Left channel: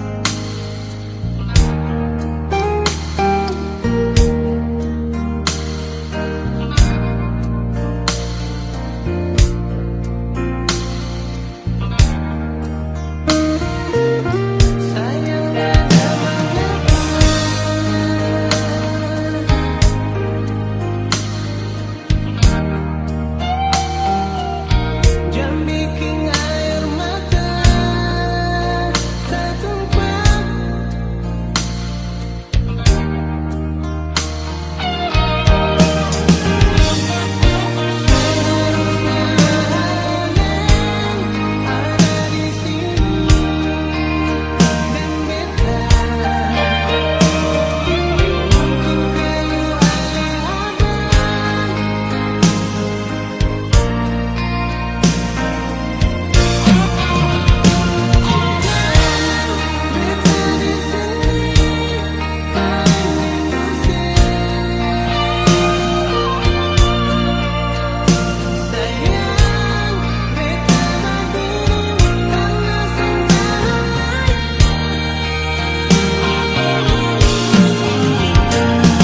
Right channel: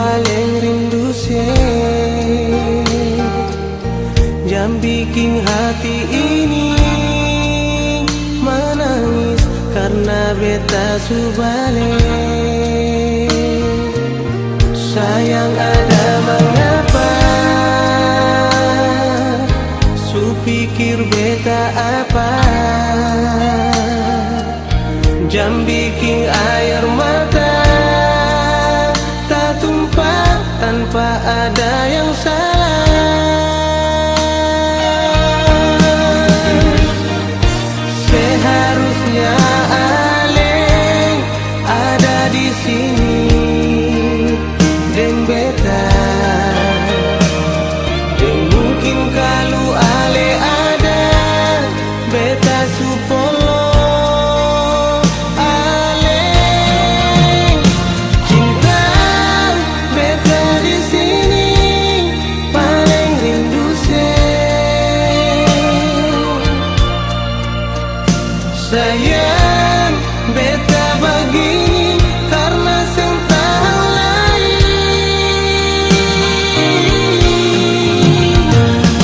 paling rindu sih, yang bikin hati ini menangis karena beta su balik. Sayang ada mengapa, su pikir beta apa, jam bikin air mata tak tumpah tanpa ada yang salah. Seharusnya Aleng ada di sini dan beta, dan mungkin kalau Ale ada beta supolo. Sayang beta begini karena sentang lain.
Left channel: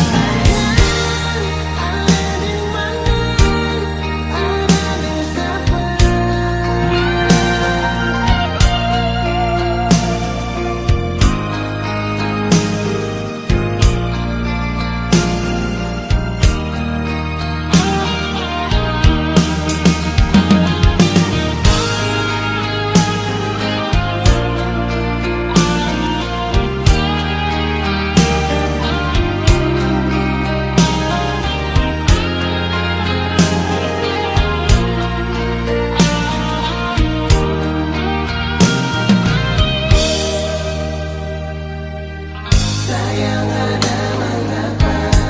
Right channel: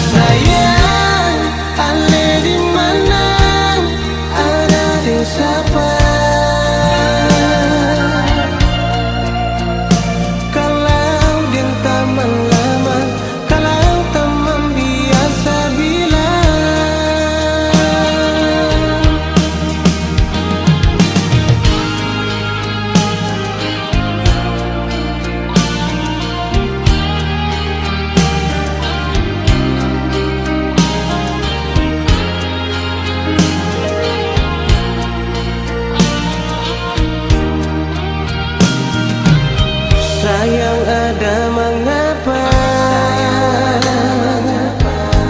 Sayang Ale di mana, ada di siapa? Kalau din taman lama, kalau teman biasa bilang. Sayang ada mengapa,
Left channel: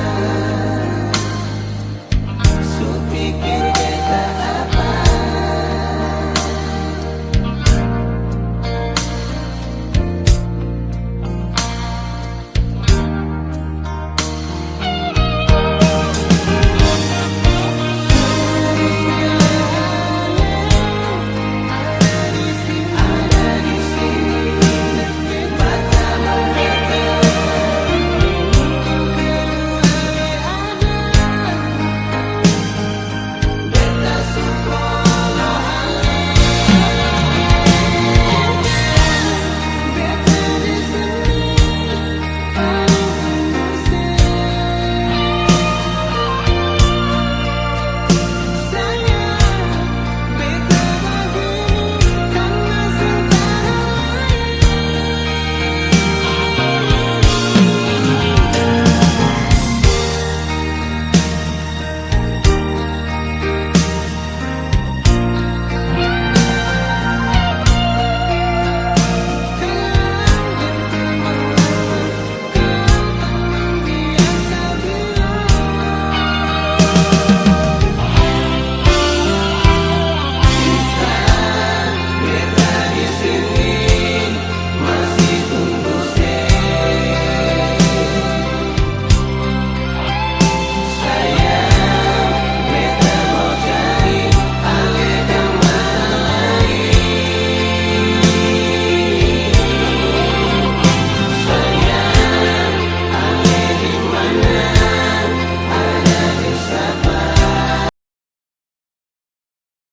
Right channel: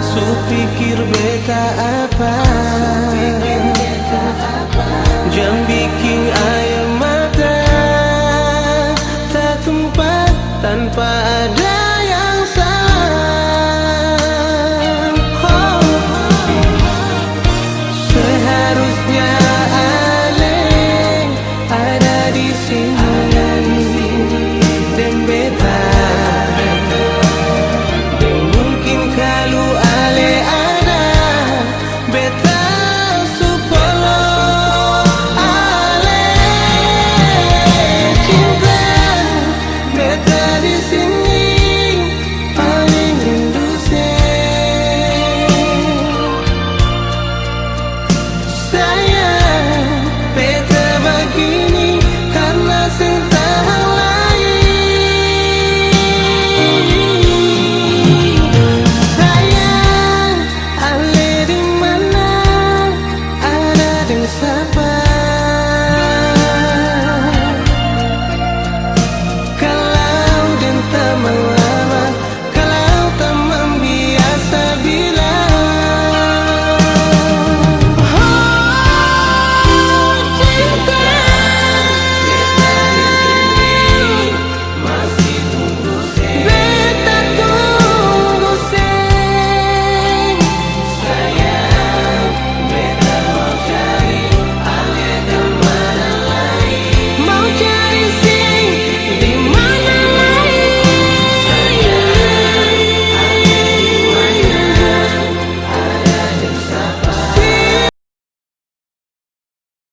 su pikir beta apa, jam bikin air mata tak tumpah tanpa ada yang salah. Oh. Seharusnya Aleng ada di sini dan beta.